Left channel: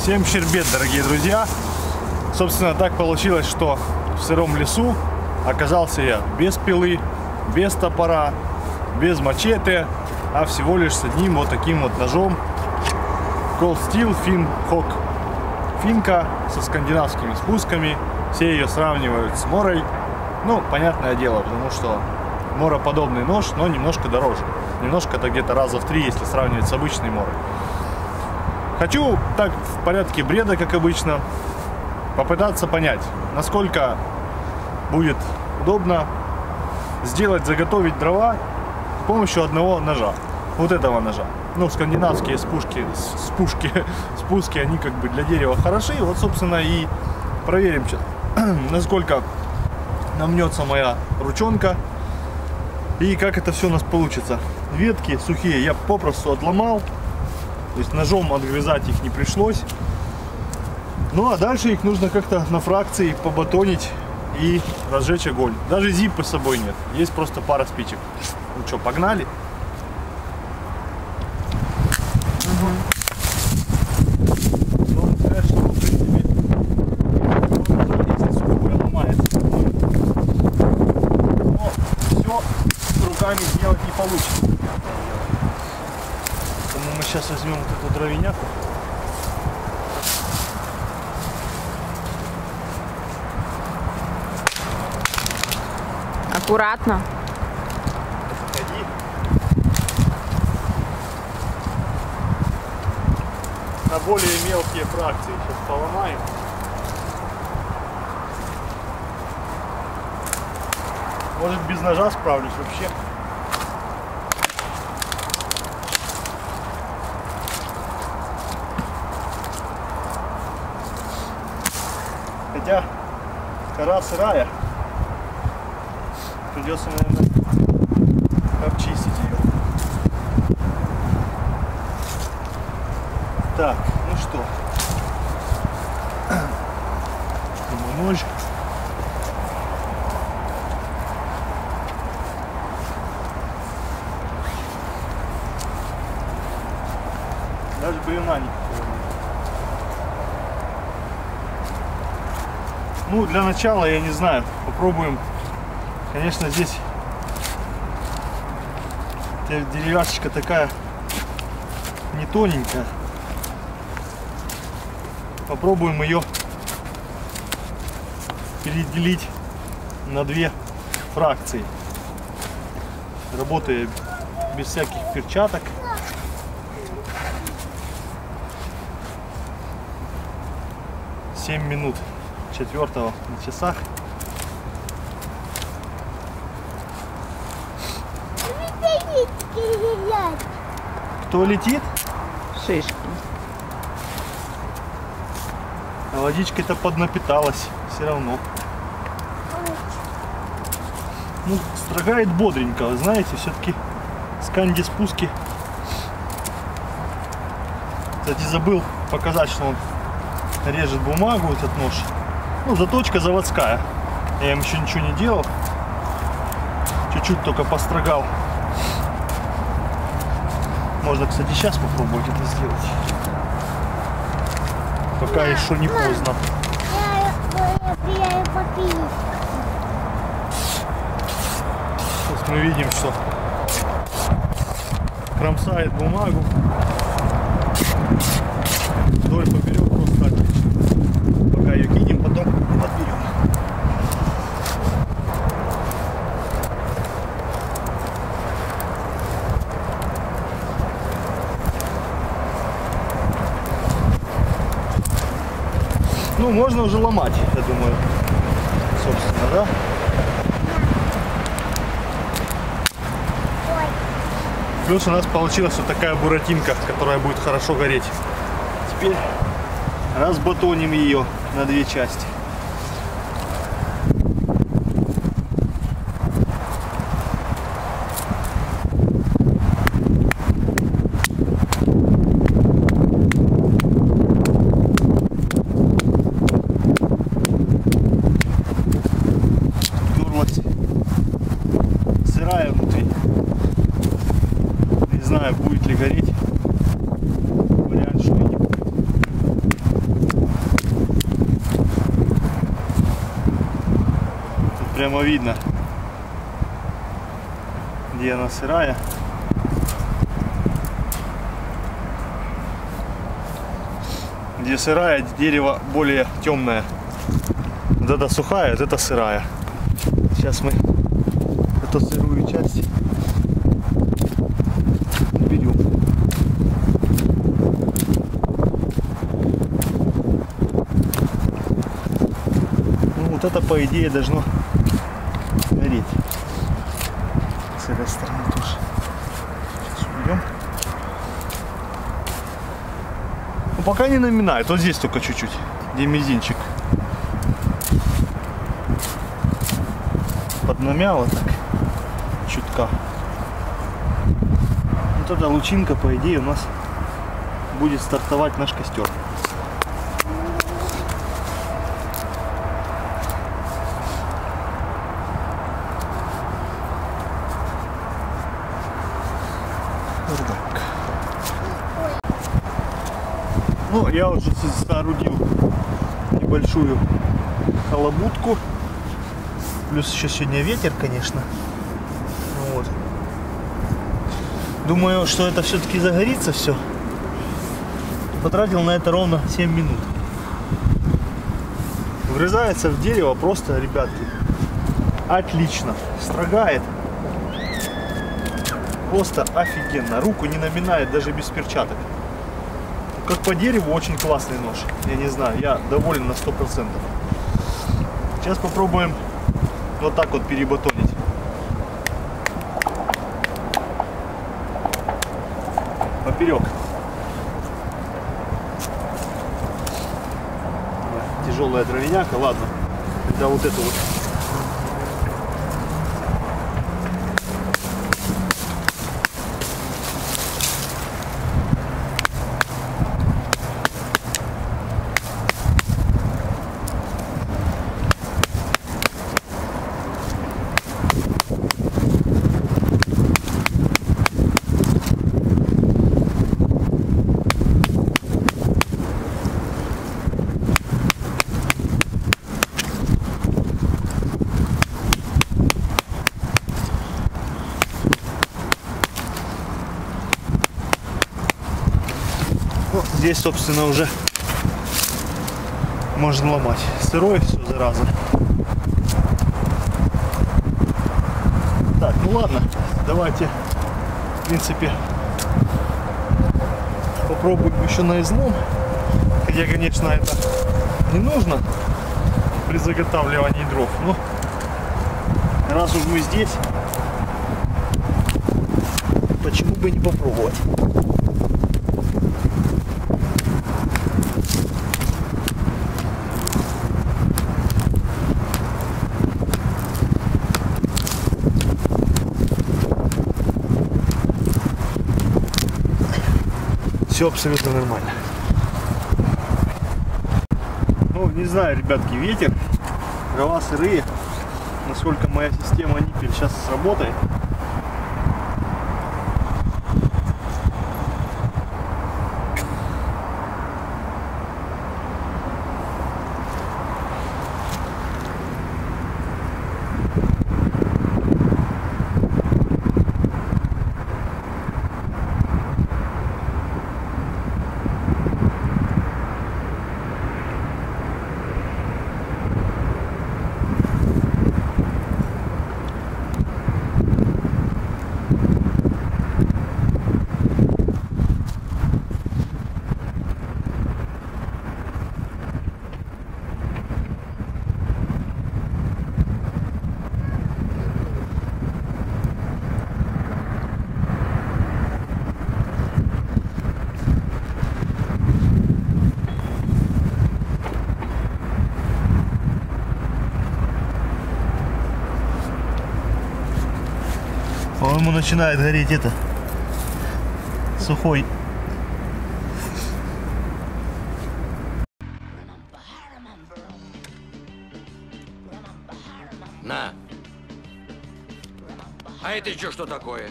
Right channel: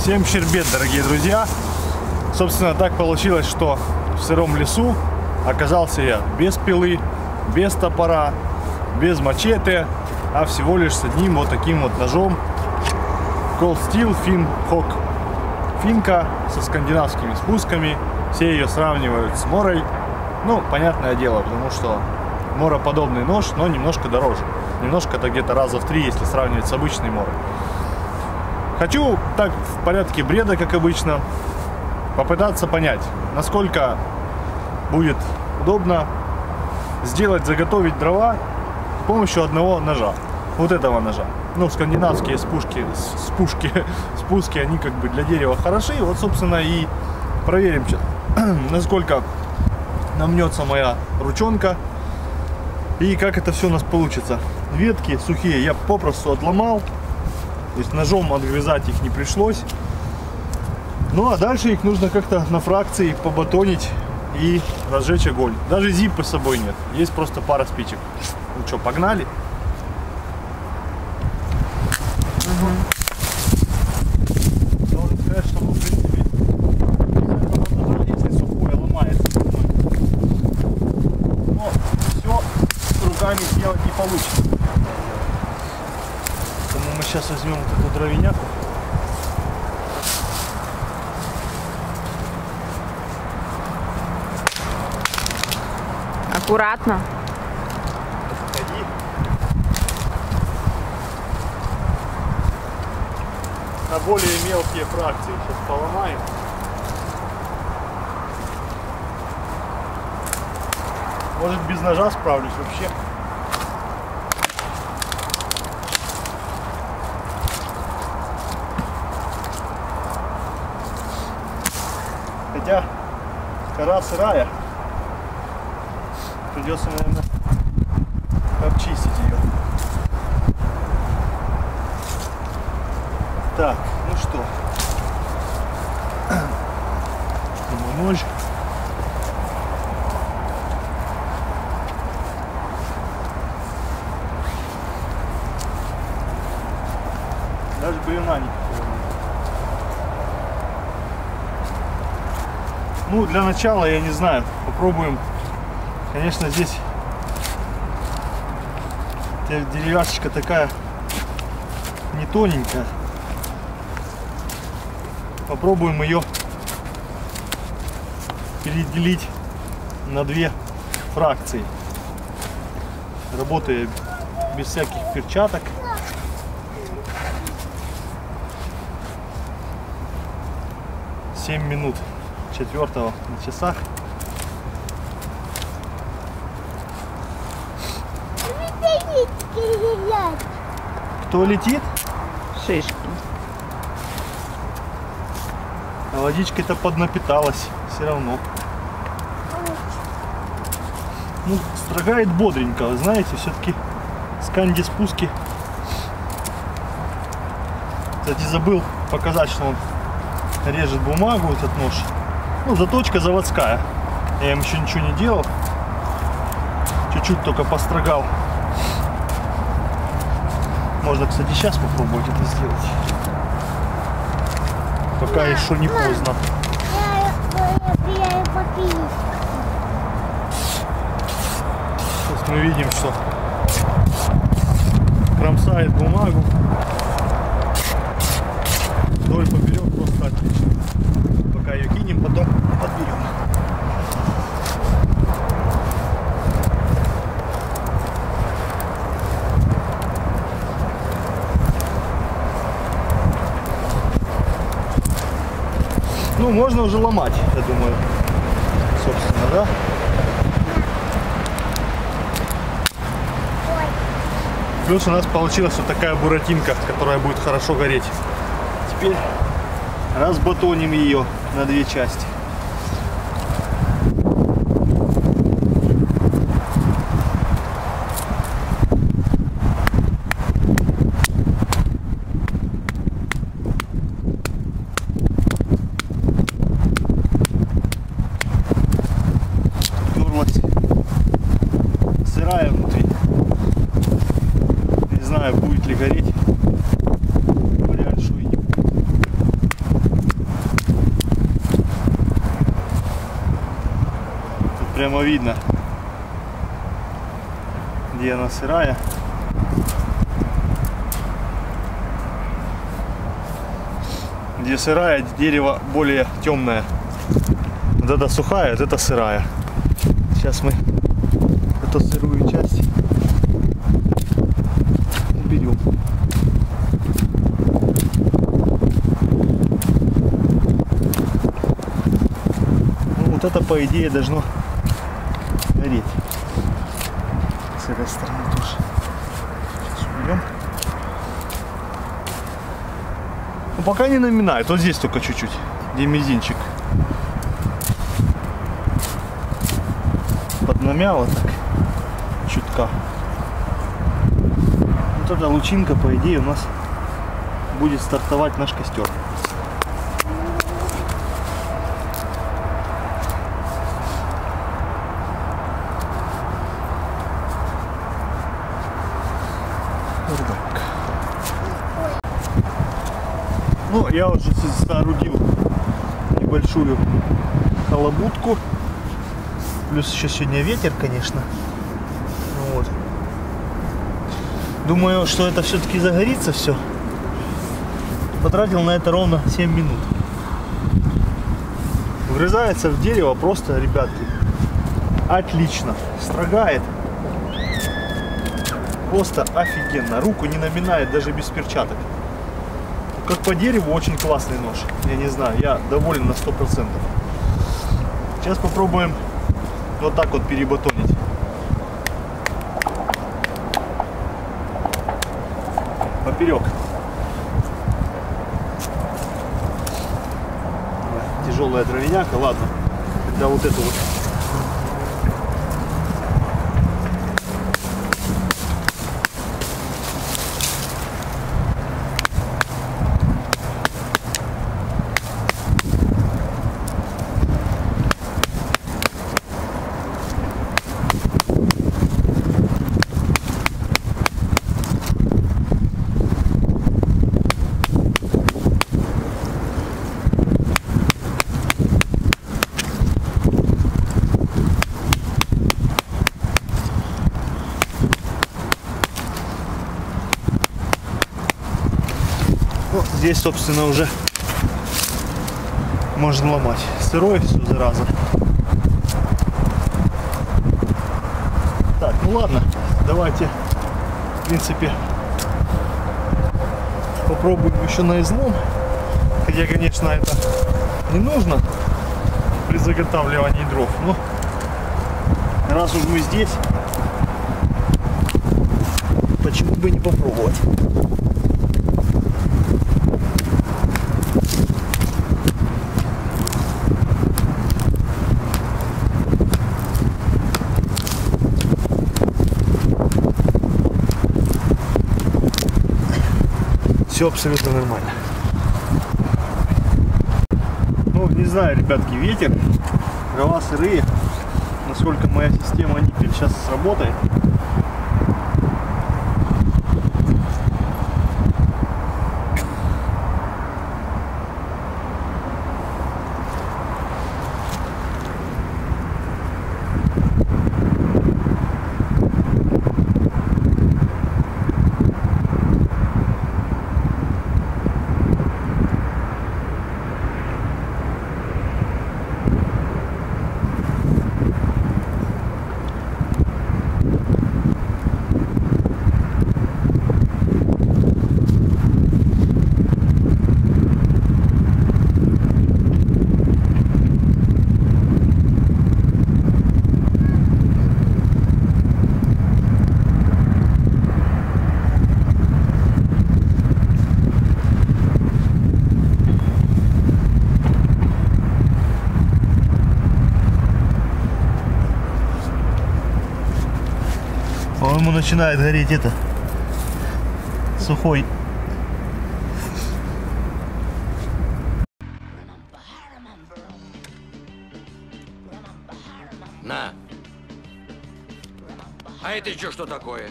Всем щербет, дорогие друзья. Собственно, так получилось, что в сыром лесу оказался я без пилы, без топора, без мачете, а всего лишь с одним вот таким вот ножом Cold Steel Finhawk. Финка со скандинавскими спусками. Все ее сравнивают с Морой. Ну, понятное дело, потому что мороподобный нож, но немножко дороже. Немножко-то где-то раза в 3, если сравнивать с обычной Морой. Хочу так в порядке бреда, как обычно, попытаться понять, насколько будет удобно заготовить дрова с помощью одного ножа. Вот этого ножа. Ну, скандинавские спуски, они как бы для дерева хороши. Вот, собственно, и проверим, насколько намнется моя ручонка и как это все у нас получится. Ветки сухие я попросту отломал. То есть ножом отгрызать их не пришлось. Ну а дальше их нужно как-то на фракции побатонить и разжечь огонь. Даже зиппы с собой нет. Есть просто пара спичек. Ну что, погнали? Должен сказать, что в принципе если сухое ломается. Но все руками сделать не получится. Поэтому мы сейчас возьмем вот эту дровяняку. Аккуратно. Ходи. На более мелкие фракции сейчас поломаем. Может, без ножа справлюсь вообще. Хотя кора сырая. Придется, наверное, обчистить ее. Так, ну что. Нож. Даже бревна никакого. Ну, для начала, я не знаю, попробуем. Конечно, здесь деревяшечка такая не тоненькая. Попробуем ее переделить на две фракции. Работая без всяких перчаток. Семь минут 4-го на часах. Кто летит? Шишки. А водичкой-то поднапиталась все равно. Ну, строгает бодренько, вы знаете, все-таки сканди спуски. Кстати, забыл показать, что он режет бумагу, этот нож. Ну, заточка заводская. Я им еще ничего не делал. Чуть-чуть только построгал. Можно, кстати, сейчас попробовать это сделать. Пока еще не поздно. Сейчас мы видим, что кромсает бумагу. Вдоль поперек просто отлично. Пока ее кинем, потом подберем. Ну, можно уже ломать, я думаю, собственно, да? Плюс у нас получилась вот такая буратинка, которая будет хорошо гореть. Теперь разбатоним ее на две части. Сырая внутри. Не знаю, будет ли гореть. Вариант, что и не будет. прямо видно, где она сырая. Где сырая, дерево более темное. Вот это сухая, вот это сырая. Сейчас мы эту сырую часть берем. Ну, вот это, по идее, должно гореть. С этой стороны тоже. Сейчас уберем. Ну, пока не наминает. Вот здесь только чуть-чуть. Где мизинчик. Поднамяло так. Чутка. Вот эта лучинка, по идее, у нас будет стартовать наш костер. Ну, я уже соорудил небольшую халабутку. Плюс еще сегодня ветер, конечно. Вот. Думаю, что это все-таки загорится все. Потратил на это ровно 7 минут. Врезается в дерево просто, ребятки, отлично. Строгает. Просто офигенно. Руку не наминает даже без перчаток. Как по дереву, очень классный нож. Я не знаю, я доволен на 100%. Сейчас попробуем вот так вот перебатонить. Поперек. Тяжелая дровяняка, ладно. Тогда вот эту вот. Ну, здесь, собственно, уже можно ломать. Сырой все, зараза. Так, ну ладно, давайте, в принципе, попробуем еще на излом. Хотя, конечно, это не нужно при заготавливании дров, но раз уж мы здесь, почему бы не попробовать? Все абсолютно нормально. Ну, не знаю, ребятки, ветер, дрова сырые. Насколько моя система ниппель сейчас сработает. По-моему, начинает гореть это сухой. На. А это еще что такое?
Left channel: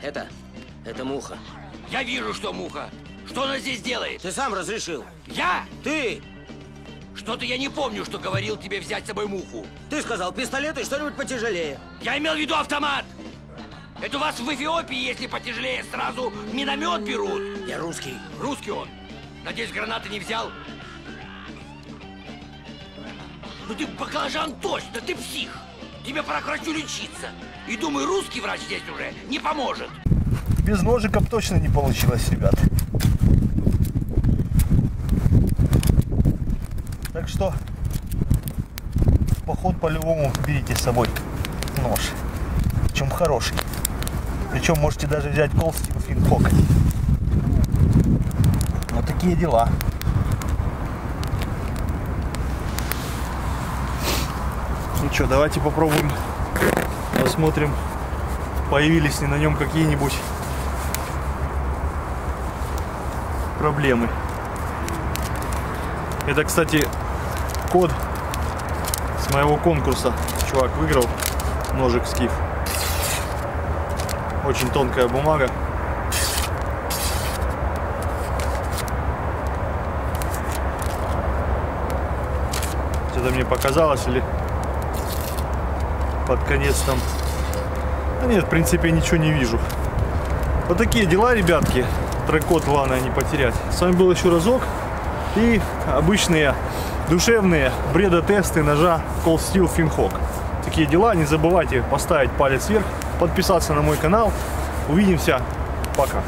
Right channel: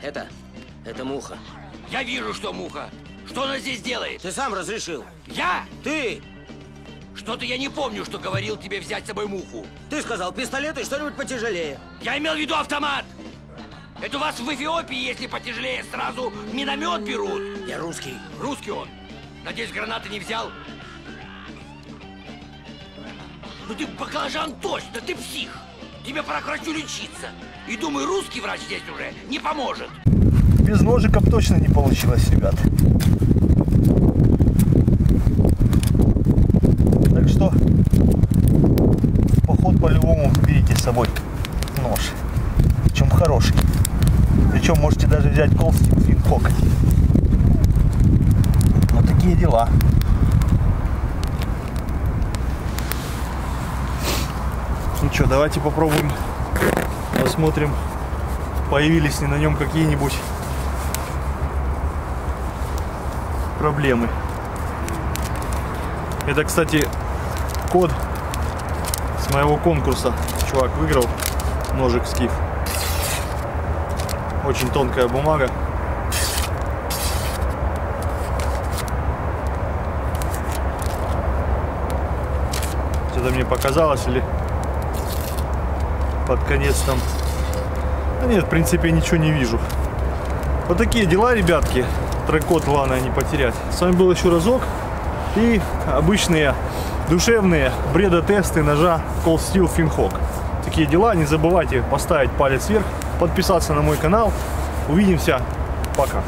Это муха. Я вижу, что муха. Что она здесь делает? Ты сам разрешил. Я? Ты! Что-то я не помню, что говорил тебе взять с собой муху. Ты сказал пистолет и что-нибудь потяжелее. Я имел в виду автомат. Это у вас в Эфиопии, если потяжелее, сразу миномет берут. Я русский. Русский он. Надеюсь, гранаты не взял? Ну ты баклажан точно, ты псих. Тебе пора к врачу лечиться. И думаю, русский врач здесь уже не поможет. Без ножиков точно не получилось, ребят. Так что в поход по-любому берите с собой нож. Причем хороший. Причем можете даже взять Cold Steel Finhawk. Вот такие дела. Ну что, давайте попробуем, посмотрим, появились ли на нем какие-нибудь проблемы. Это, кстати, код с моего конкурса. Чувак выиграл ножик Скиф. Очень тонкая бумага. Что-то мне показалось, или под конец там. Да нет, в принципе, ничего не вижу. Вот такие дела, ребятки. Трек-код главное не потерять. С вами был еще разок. И обычные душевные бредотесты ножа Cold Steel Finhawk. Такие дела. Не забывайте поставить палец вверх, подписаться на мой канал. Увидимся. Пока.